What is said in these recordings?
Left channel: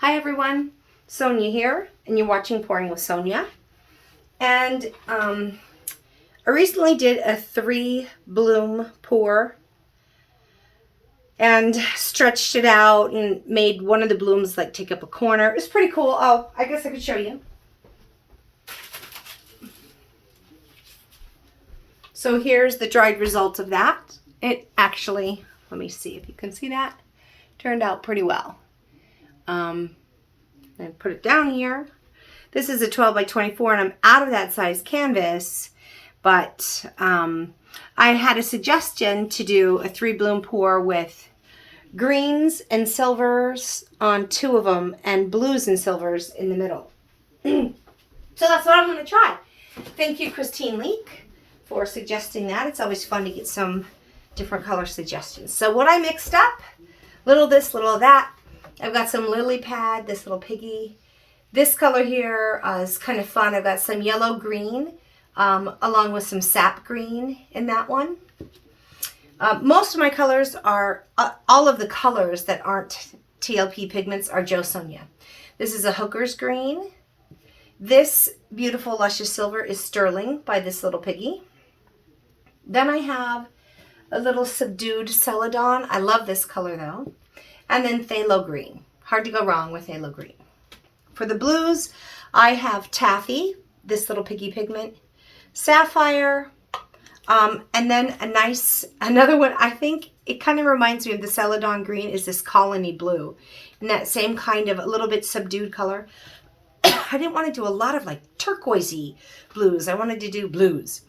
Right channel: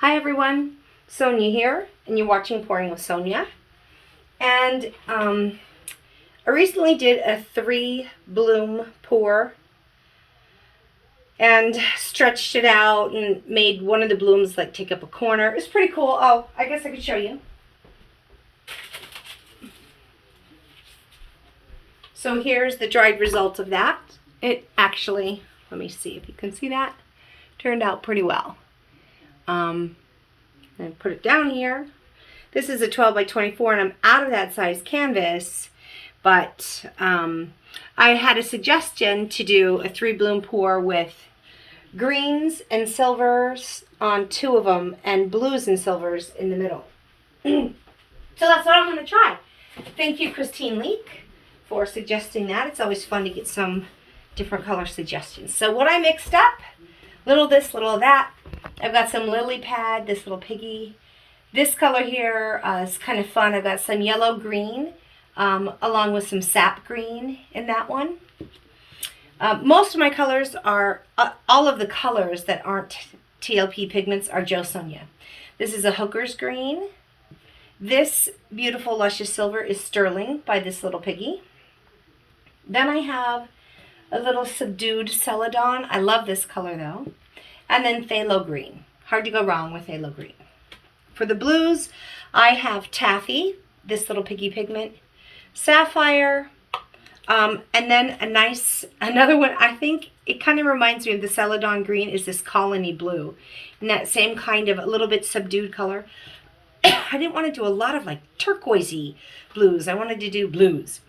Hi everyone, Sonia here, and you're watching Pouring with Sonia. And I recently did a 3-bloom pour and stretched it out and made one of the blooms like take up a corner. It was pretty cool. Oh, I guess I could show you. So here's the dried result of that. It actually, let me see if you can see that, turned out pretty well. I put it down here. This is a 12 by 24 and I'm out of that size canvas, but I had a suggestion to do a 3-bloom pour with greens and silvers on 2 of them and blues and silvers in the middle. So that's what I'm going to try. Thank you, Christine Leek, for suggesting that. It's always fun to get some different color suggestions. So what I mixed up, little this, little that. I've got some lily pad, this little piggy. This color here is kind of fun. I've got some yellow green along with some sap green in that one. Most of my colors are, all of the colors that aren't TLP pigments are Jo Sonia. This is a Hooker's green. This beautiful luscious silver is sterling by this little piggy. Then I have a little subdued celadon. I love this color though. And then phthalo green. Hard to go wrong with phthalo green. For the blues, I have taffy, this little piggy pigment, sapphire, and then another one. I think it kind of reminds me of the celadon green is this colony blue. And that same kind of a little bit subdued color. I didn't want to do a lot of like turquoisey blues. I wanted to do blues.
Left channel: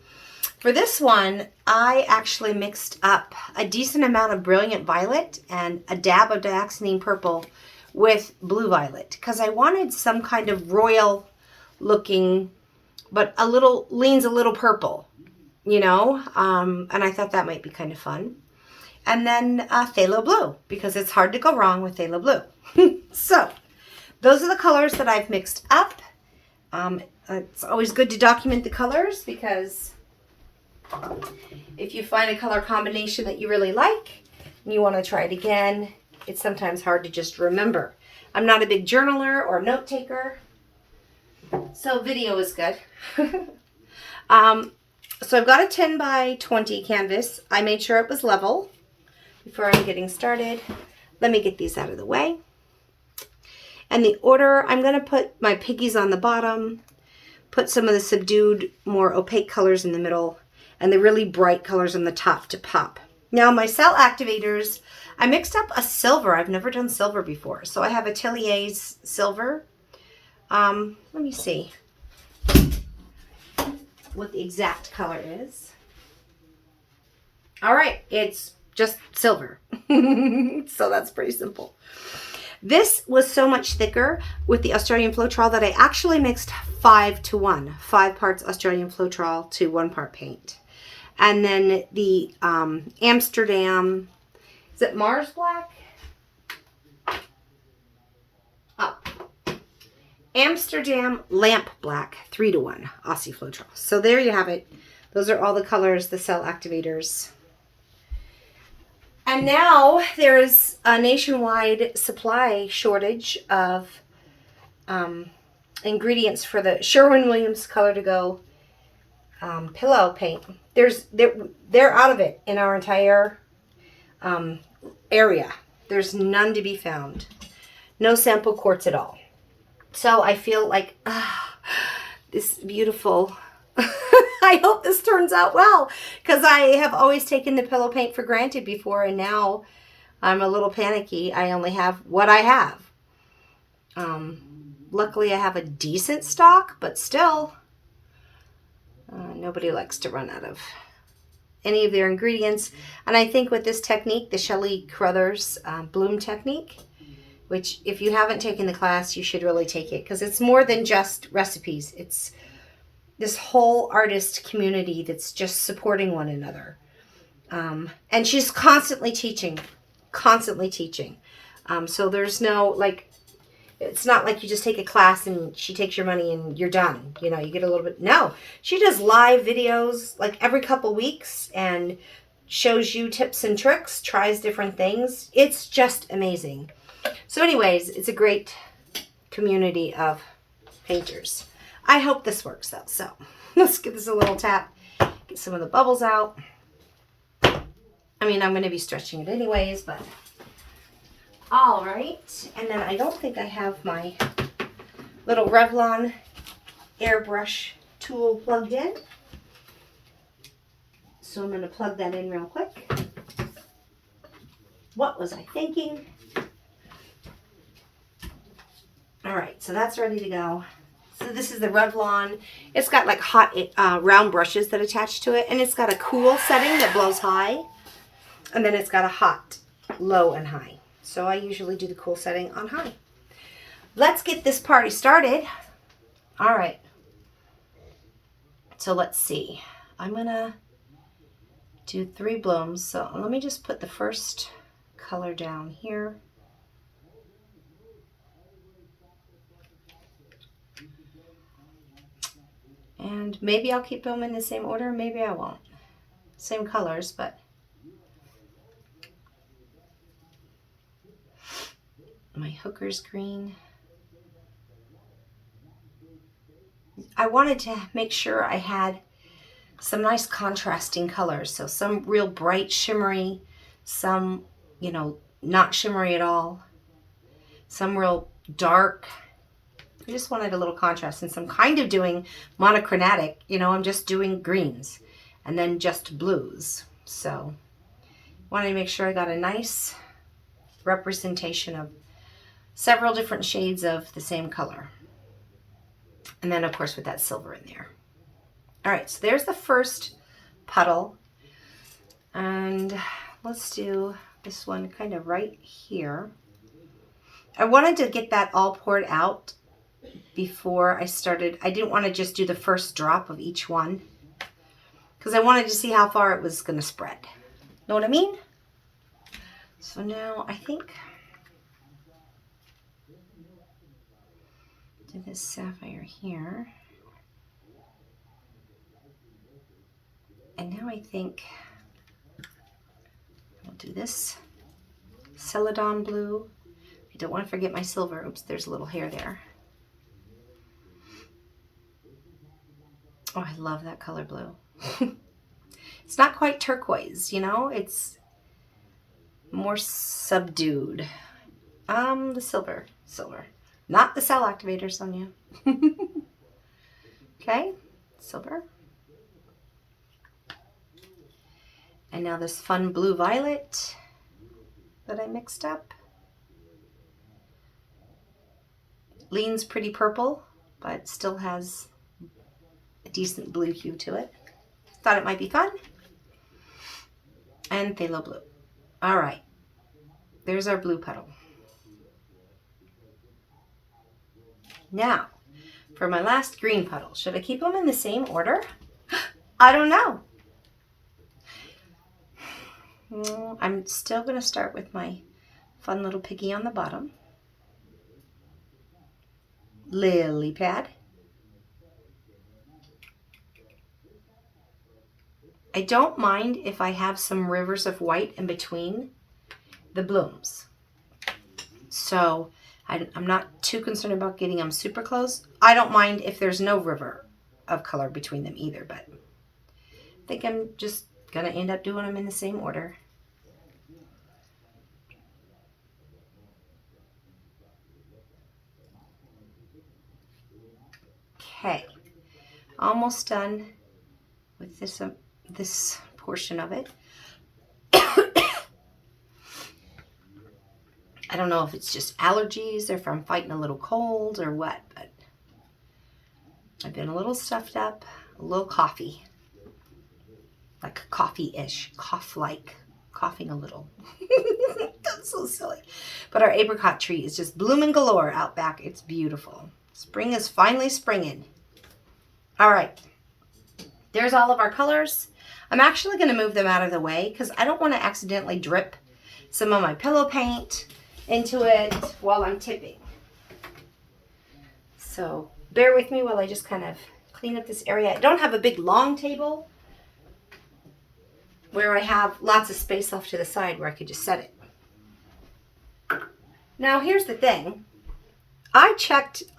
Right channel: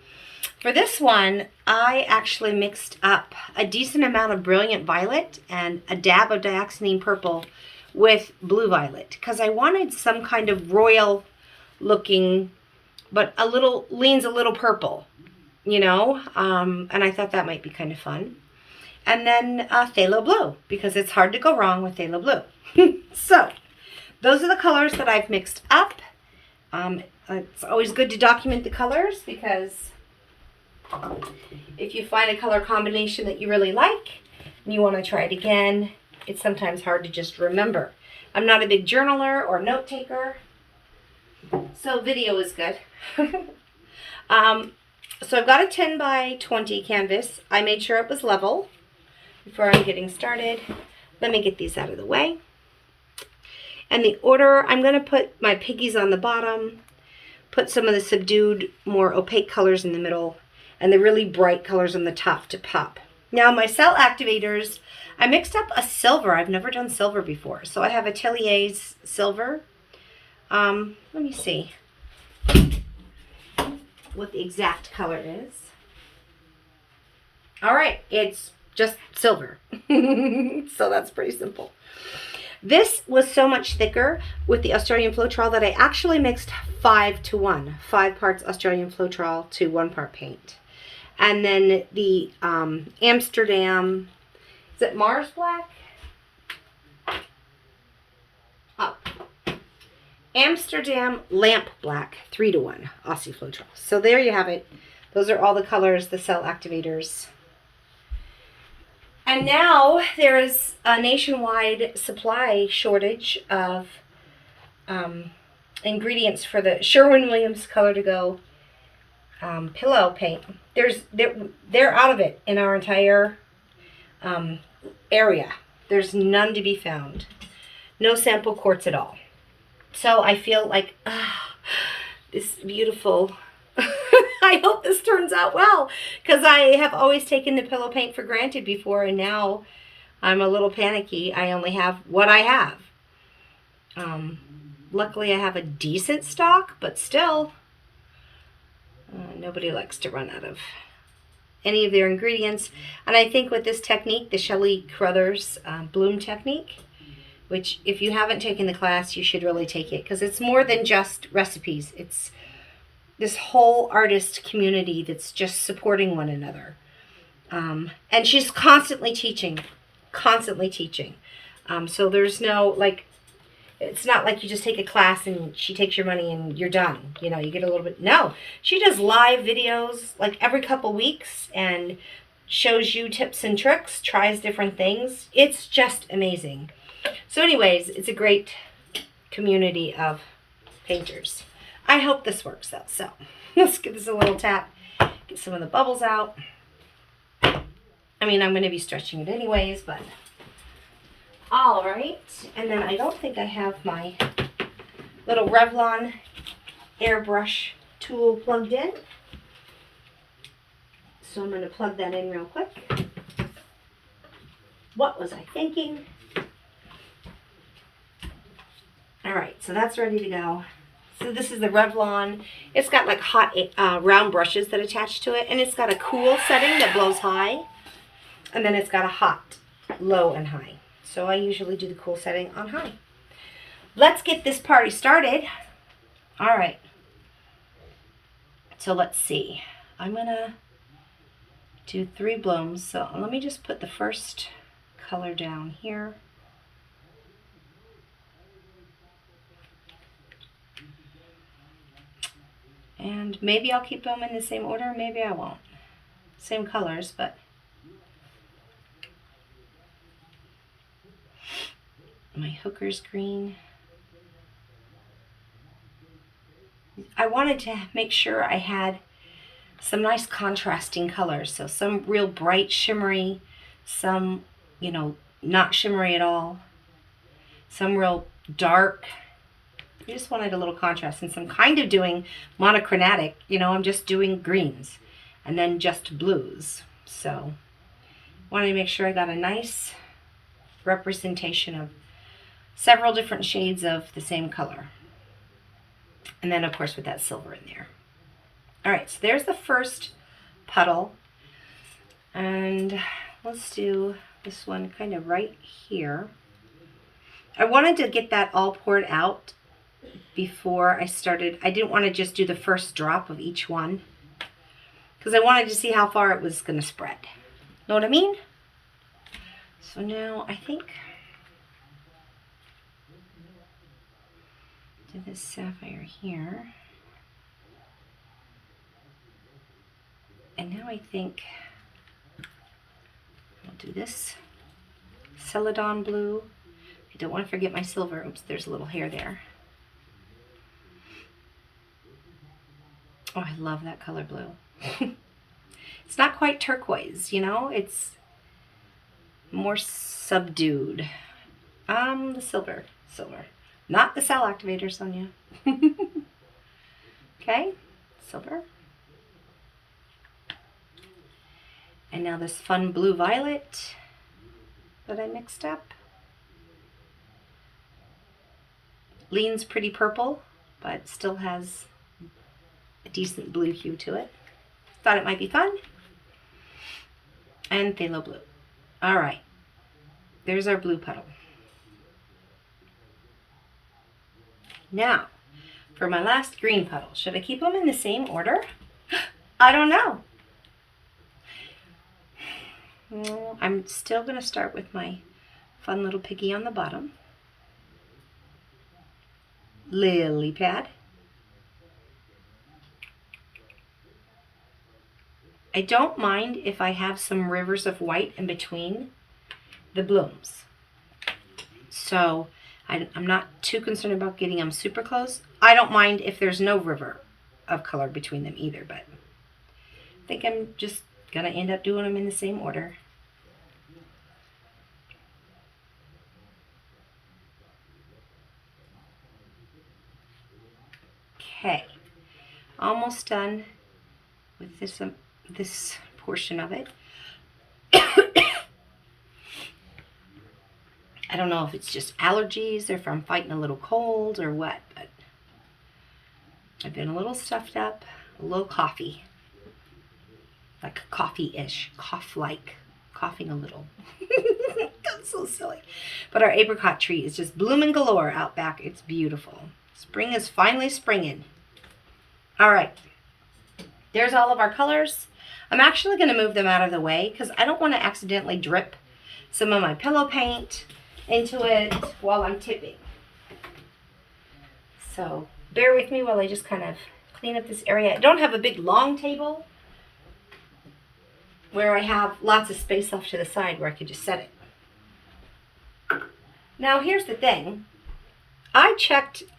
For this one, I actually mixed up a decent amount of brilliant violet and a dab of dioxazine purple with blue violet because I wanted some kind of royal looking, but leans a little purple, you know, and I thought that might be kind of fun. And then phthalo blue because it's hard to go wrong with phthalo blue. So those are the colors that I've mixed up. It's always good to document the colors because if you find a color combination that you really like and you want to try it again, it's sometimes hard to just remember. I'm not a big journaler or note taker, so video is good. So I've got a 10 by 20 canvas. I made sure it was level before I'm getting started. Let me get these out of the way. And the order, I'm going to put my piggies on the bottom, put some of the subdued, more opaque colors in the middle, and the really bright colors on the top to pop. Now my cell activators, I mixed up a silver. I've never done silver before. So I have Atelier's silver. Let me see what the exact color is. All right, it's just silver. So that's pretty simple. This was so much thicker with the Australian Floetrol that I actually mixed 5 to 1. 5 parts Australian Floetrol to 1 part paint. And then the Amsterdam, is it Mars Black? Oh. Amsterdam Lamp Black, 3 to 1, Aussie Floetrol. So there you have it. Those are all the colors, the cell activators. And now there's a nationwide supply shortage of ingredients for the Sherwin-Williams Color to Go pillow paint. They're out of it in our entire area. There's none to be found. No sample quartz at all. So I feel like this beautiful. I hope this turns out well because I have always taken the pillow paint for granted before, and now I'm a little panicky. I only have what I have. Luckily, I have a decent stock, but still. Nobody likes to run out of any of their ingredients. And I think with this technique, the Shelley Carruthers bloom technique, which if you haven't taken the class, you should really take it because it's more than just recipes. It's this whole artist community that's just supporting one another. And she's constantly teaching. So there's no, like, it's not like you just take a class and she takes your money and you're done. You know, you get a little bit. No, she does live videos like every couple weeks and shows you tips and tricks, tries different things. It's just amazing. So anyways, it's a great community of painters. I hope this works though. So let's give this a little tap, get some of the bubbles out. I mean, I'm going to be stretching it anyways, but all right. And then I don't think I have my little Revlon airbrush tool plugged in. So I'm going to plug that in real quick. What was I thinking? All right, so that's ready to go. So this is the Revlon. It's got like hot round brushes that attach to it, and it's got a cool setting that blows high, and then it's got a hot, low, and high. So I usually do the cool setting on high. Let's get this party started. All right. So let's see. I'm gonna do 3 blooms. So let me just put the first color down here. And maybe I'll keep them in the same order, maybe I won't. Same colors, but my hooker's green. I wanted to make sure I had some nice contrasting colors. So some real bright shimmery, some, you know, not shimmery at all, some real dark. I just wanted a little contrast, since I'm kind of doing monochromatic, you know, I'm just doing greens and then just blues. So wanted to make sure I got a nice representation of several different shades of the same color. And then of course with that silver in there. All right, so there's the first puddle. And let's do this one kind of right here. I wanted to get that all poured out before I started. I didn't want to just do the first drop of each one, because I wanted to see how far it was going to spread. Know what I mean? So now I think do this sapphire here. And now I think I'll do this Celadon blue. I don't want to forget my silver. Oops, there's a little hair there. Oh, I love that color blue. It's not quite turquoise, you know, it's more subdued. The silver, not the cell activator, Sonia. Okay, silver. And now this fun blue violet that I mixed up. Leans pretty purple, but still has a decent blue hue to it. Thought it might be fun. And phthalo blue. All right, there's our blue puddle. Now, for my last green puddle, should I keep them in the same order? I don't know. I'm still going to start with my fun little piggy on the bottom. Lily pad. I don't mind if I have some rivers of white in between the blooms. So I'm not too concerned about getting them super close. I don't mind if there's no river of color between them either, but I think I'm just going to end up doing them in the same order. Okay, almost done with this portion of it. I don't know if it's just allergies or if I'm fighting a little cold or what, but I've been a little stuffed up, a little coffee, like coffee-ish, cough-like, coughing a little. That's so silly. But our apricot tree is just blooming galore out back. It's beautiful. Spring is finally springing. All right, there's all of our colors. I'm actually going to move them out of the way because I don't want to accidentally drip some of my pillow paint into it while I'm tipping. So bear with me while I just kind of clean up this area. I don't have a big long table where I have lots of space off to the side where I could just set it. Now here's the thing.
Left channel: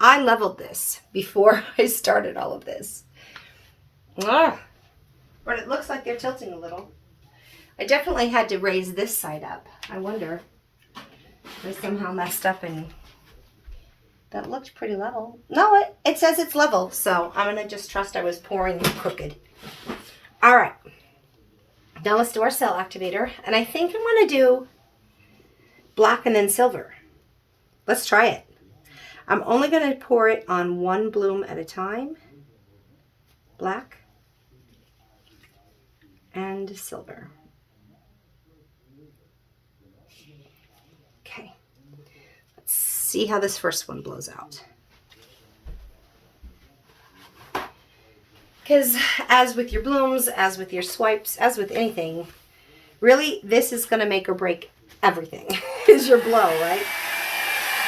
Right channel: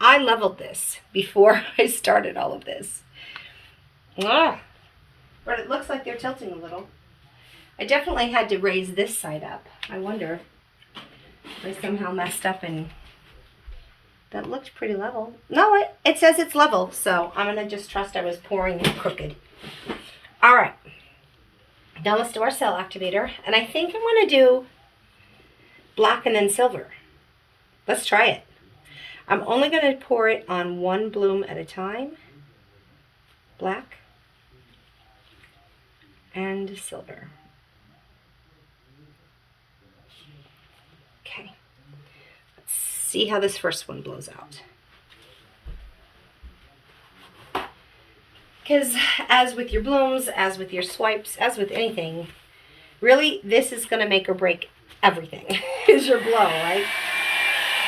I leveled this before I started all of this. But it looks like they're tilting a little. I definitely had to raise this side up. I wonder if I somehow messed up and that looked pretty level. No, it says it's level, so I'm going to just trust I was pouring it crooked. All right. Now let's do our cell activator. And I think I'm going to do black and then silver. Let's try it. I'm only going to pour it on one bloom at a time. Black and silver. Okay. Let's see how this first one blows out. Because as with your blooms, as with your swipes, as with anything, really this is going to make or break everything is your blow, right?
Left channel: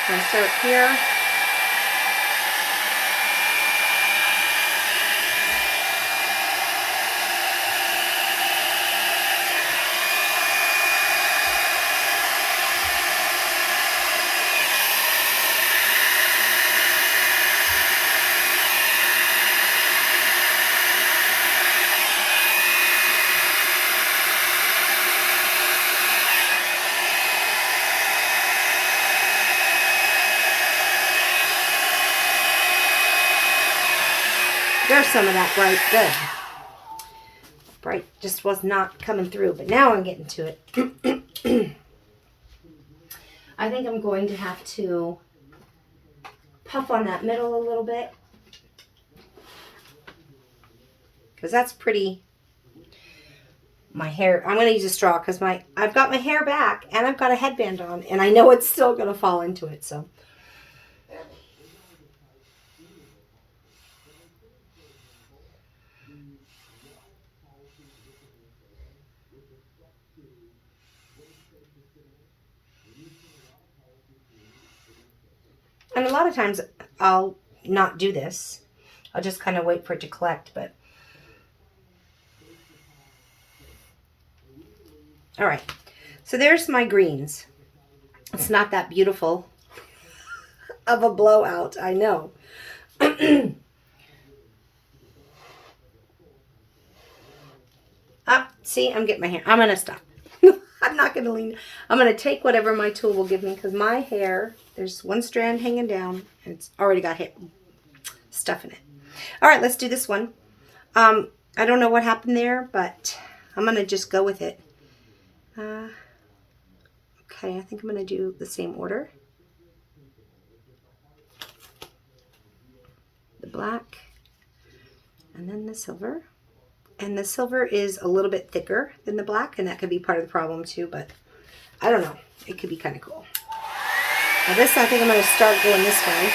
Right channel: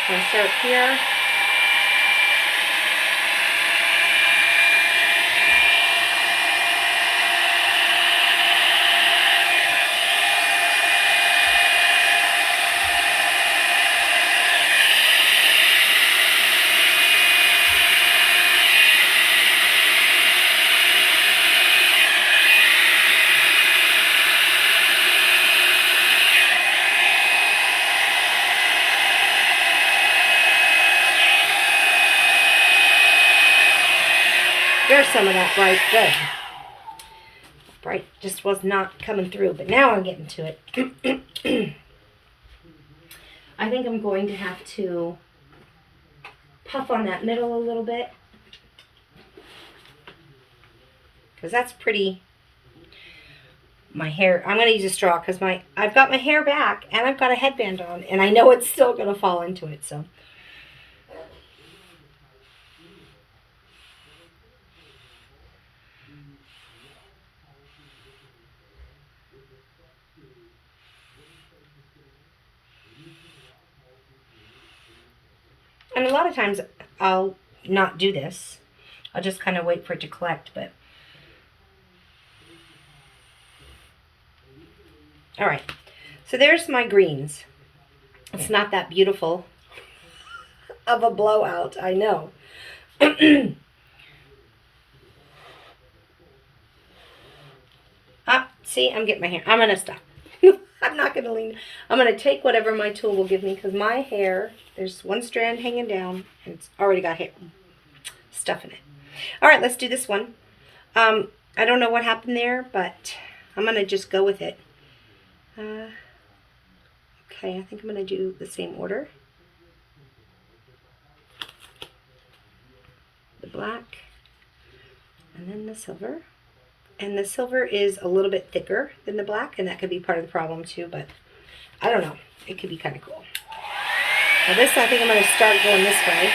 I'm going to start here. There's some of that bright. Good. Bright just was not coming through, but now I'm getting to it. I think I'm going to have to puff on that middle a little bit, because that's pretty. My hair, I'm going to use a straw because I've got my hair back and I've got a headband on, and I know it's still going to fall into it, so. And a lot of times I'll not do this. I'll just kind of wait for it to collect, but. All right, so there's my greens. It's not that beautiful of a blowout, I know. See, I'm getting my hair. I'm going to stop. I'm not going to lean. I'm going to take whatever my tool will give me, because my hair, there's one strand hanging down, and it's already got hair stuff in it. All right, let's do this one. I don't know what happened there, but I'm going to just go with it. Okay, I think I'm going to do the same order. The black, and then the silver. And the silver is a little bit thicker than the black, and that could be part of the problem too, but I don't know. It could be kind of cool. Now this, I think I'm going to start going this way.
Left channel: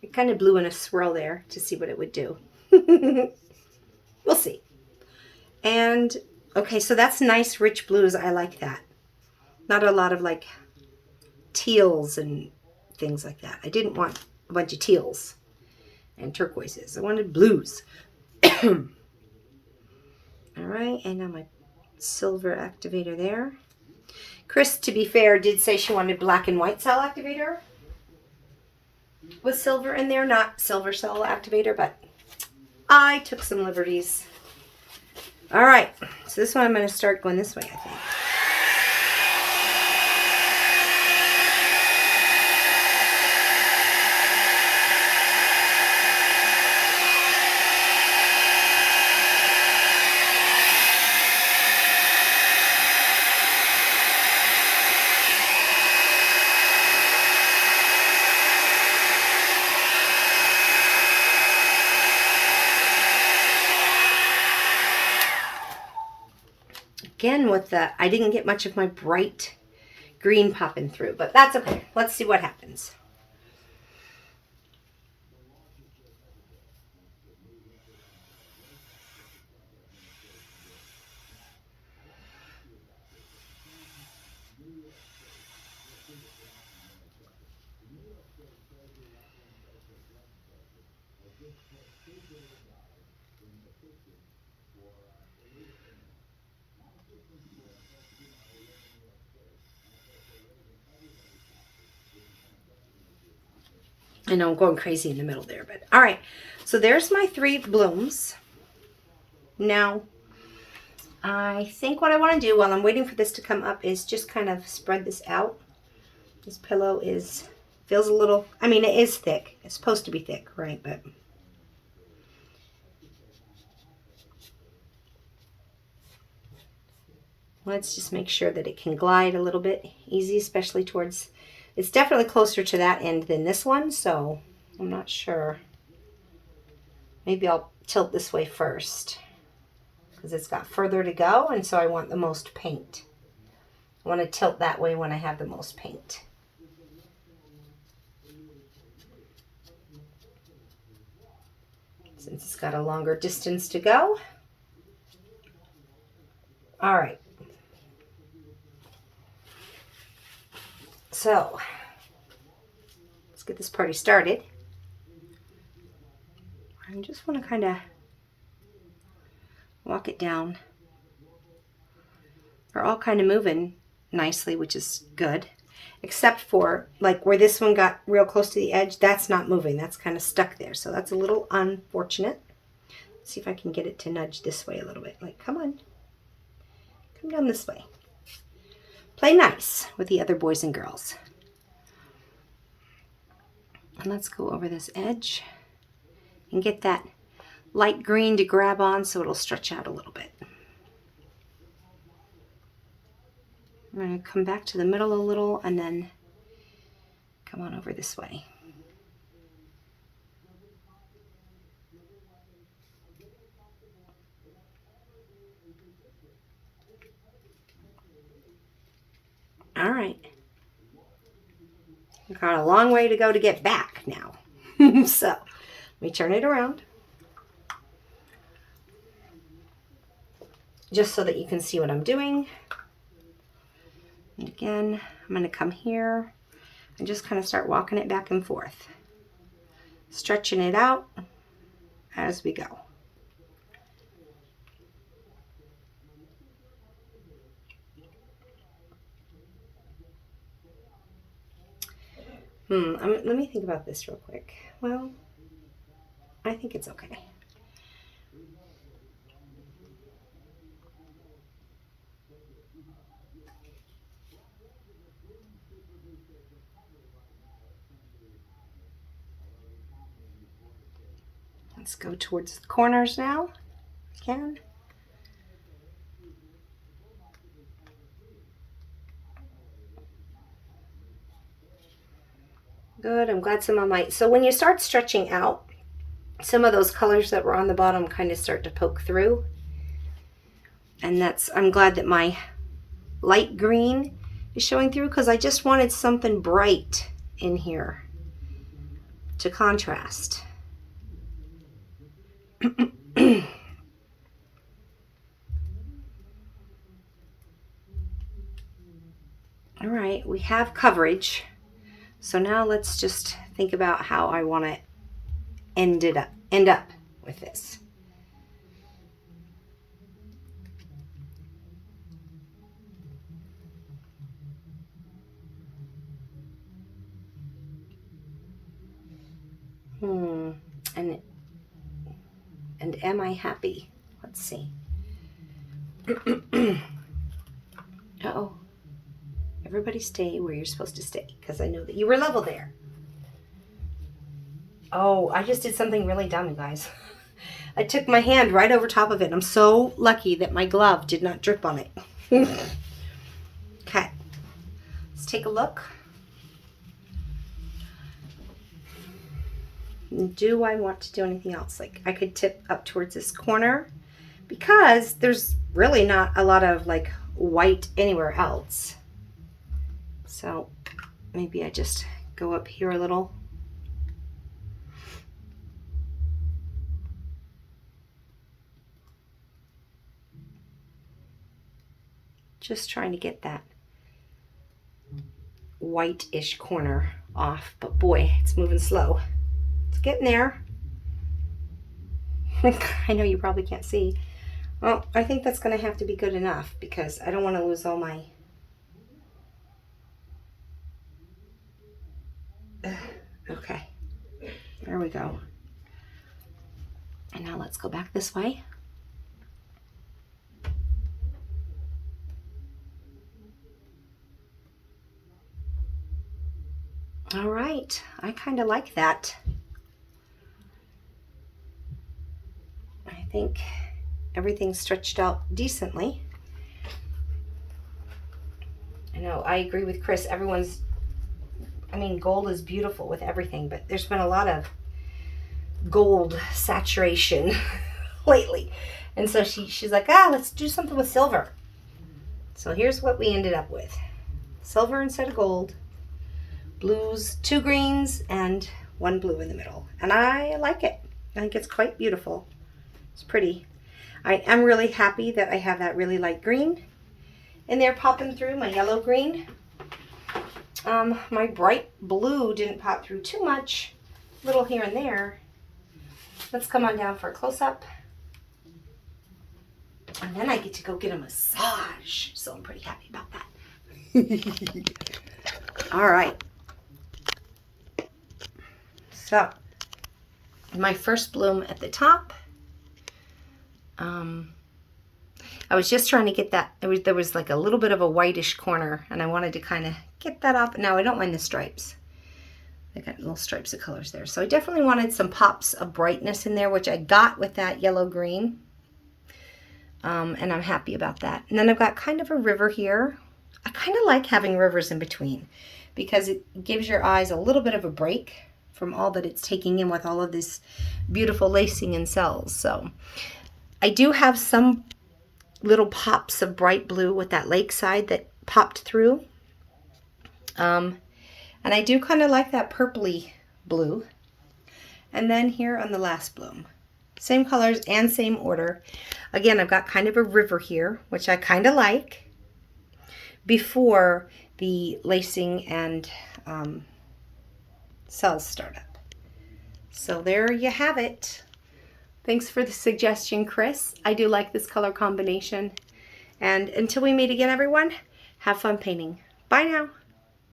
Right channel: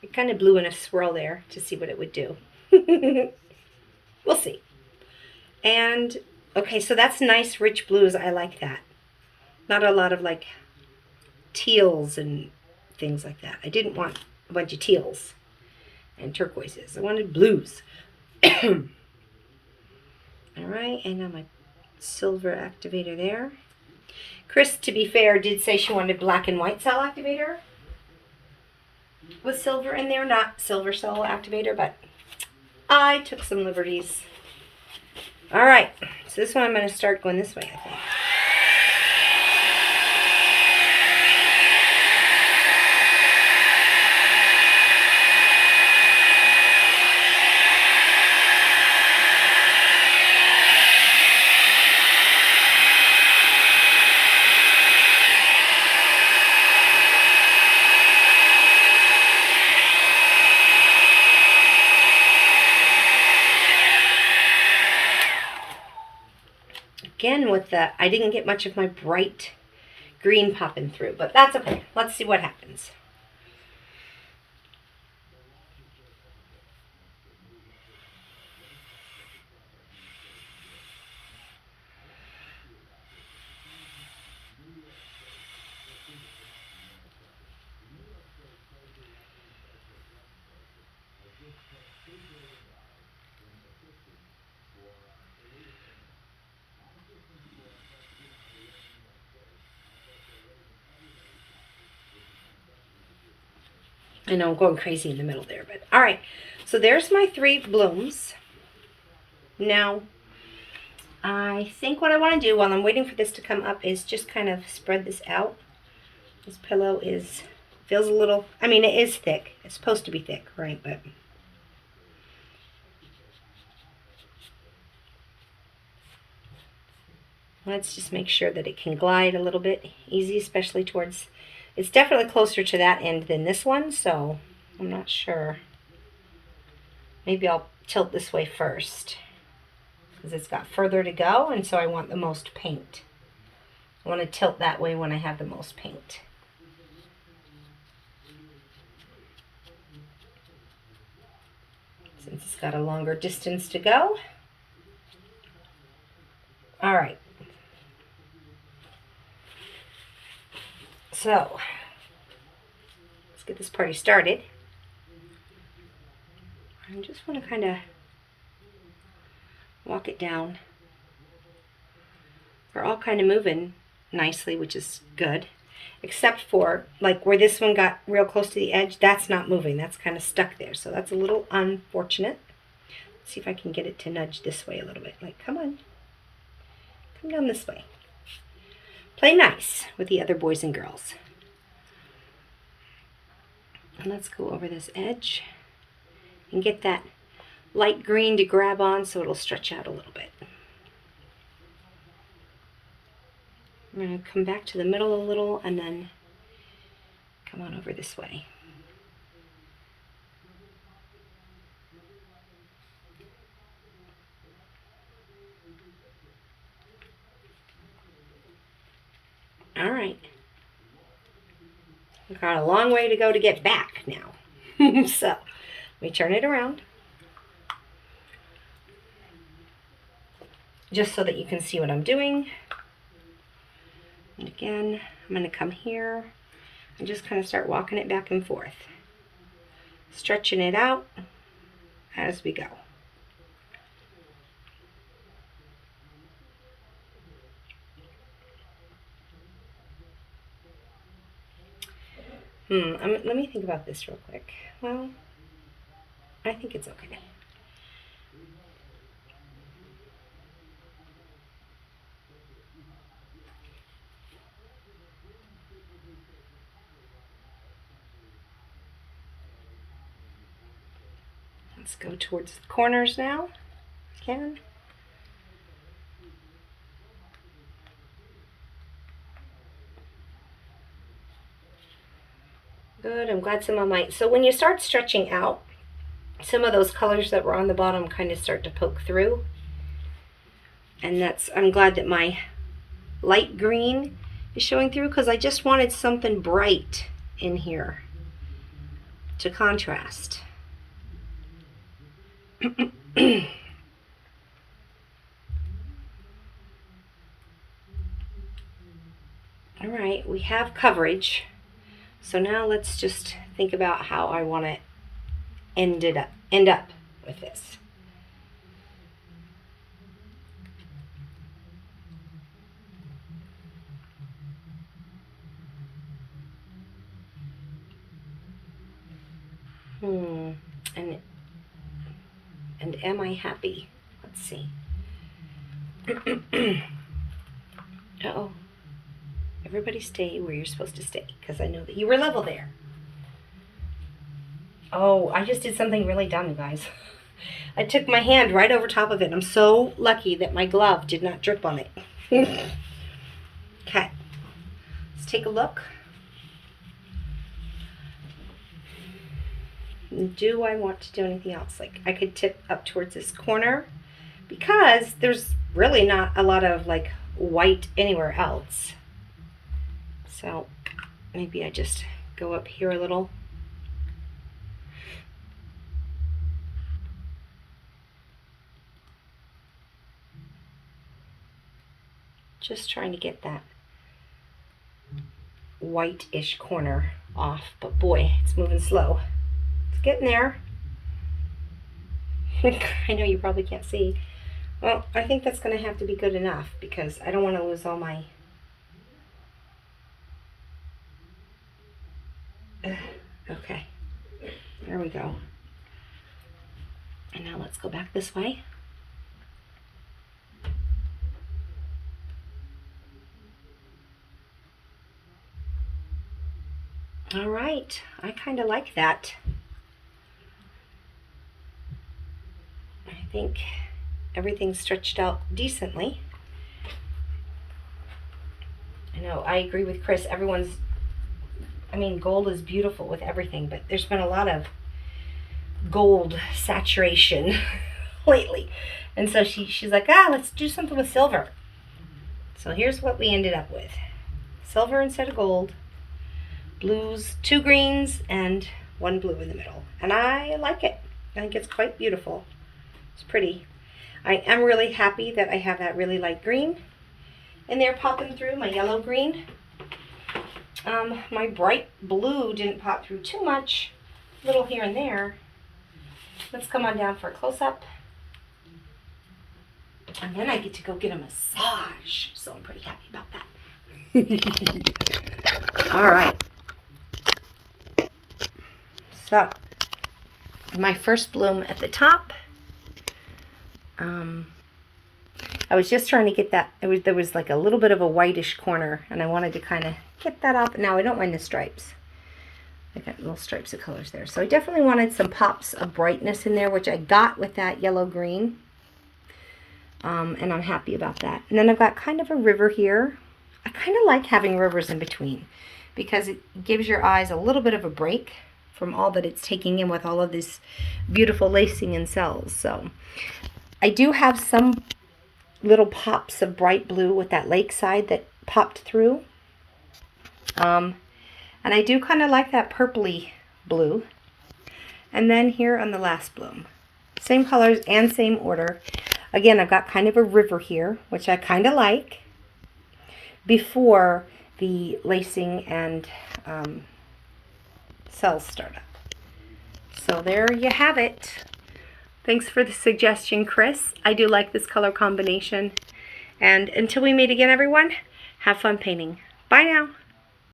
I kind of blew in a swirl there to see what it would do. We'll see. And, okay, so that's nice, rich blues. I like that. Not a lot of, like, teals and things like that. I didn't want a bunch of teals and turquoises. I wanted blues. All right, and now my silver activator there. Chris, to be fair, did say she wanted black and white cell activator with silver in there, not silver cell activator, but I took some liberties. All right, so this one I'm going to start going this way, I think. Again, with I didn't get much of my bright green popping through, but that's okay. Let's see what happens. I know I'm going crazy in the middle there, but all right. So there's my 3 blooms. Now, I think what I want to do while I'm waiting for this to come up is just kind of spread this out. This pillow feels a little, I mean, it is thick. It's supposed to be thick, right? But let's just make sure that it can glide a little bit easy, especially towards, it's definitely closer to that end than this one, so I'm not sure. Maybe I'll tilt this way first because it's got further to go, and so I want the most paint. I want to tilt that way when I have the most paint. Since it's got a longer distance to go. All right. So, let's get this party started. I just want to kind of walk it down. They're all kind of moving nicely, which is good. Except for, like, where this one got real close to the edge, that's not moving. That's kind of stuck there. So that's a little unfortunate. Let's see if I can get it to nudge this way a little bit. Like, come on. Come down this way. Play nice with the other boys and girls. And let's go over this edge and get that light green to grab on so it'll stretch out a little bit. I'm going to come back to the middle a little and then come on over this way. All right. We've got a long way to go to get back now. So, let me turn it around. Just so that you can see what I'm doing. And again, I'm going to come here and just kind of start walking it back and forth. Stretching it out as we go. Let me think about this real quick. Well, I think it's okay. Let's go towards the corners now. Can. Good, I'm glad some of my, so when you start stretching out, some of those colors that were on the bottom kind of start to poke through. And I'm glad that my light green is showing through because I just wanted something bright in here to contrast. All right, we have coverage. So now let's just think about how I want to end up with this. And am I happy? Let's see. Uh-oh. Everybody stay where you're supposed to stay, because I know that you were level there. Oh, I just did something really dumb, guys. I took my hand right over top of it. I'm so lucky that my glove did not drip on it. Okay. Let's take a look. Do I want to do anything else? Like, I could tip up towards this corner because there's really not a lot of like white anywhere else. So maybe I just go up here a little. Just trying to get that white-ish corner off, but boy, it's moving slow. It's getting there. I know you probably can't see. Well, I think that's going to have to be good enough because I don't want to lose all my... Okay, there we go. And now let's go back this way. All right, I kind of like that. I think everything's stretched out decently. I know, I agree with Chris. Gold is beautiful with everything, but there's been a lot of gold saturation lately. And so she's like, let's do something with silver. So here's what we ended up with. Silver instead of gold. Blues, 2 greens, and 1 blue in the middle. And I like it. I think it's quite beautiful. It's pretty. I am really happy that I have that really light green in there popping through, my yellow green. My bright blue didn't pop through too much, little here and there. Let's come on down for a close-up. And then I get to go get a massage, so I'm pretty happy about that. All right. So, my first bloom at the top. I was just trying to get that. There was like a little bit of a whitish corner, and I wanted to kind of get that off. Now I don't mind the stripes. I got little stripes of colors there. So I definitely wanted some pops of brightness in there, which I got with that yellow green. And I'm happy about that. And then I've got kind of a river here. I kind of like having rivers in between because it gives your eyes a little bit of a break from all that it's taking in with all of this beautiful lacing and cells. So I do have some little pops of bright blue with that lakeside that popped through. And I do kind of like that purpley blue. And then here on the last bloom, same colors and same order. Again, I've got kind of a river here, which I kind of like before the lacing and cells start up. So there you have it. Thanks for the suggestion, Chris. I do like this color combination. And until we meet again, everyone, have fun painting. Bye now.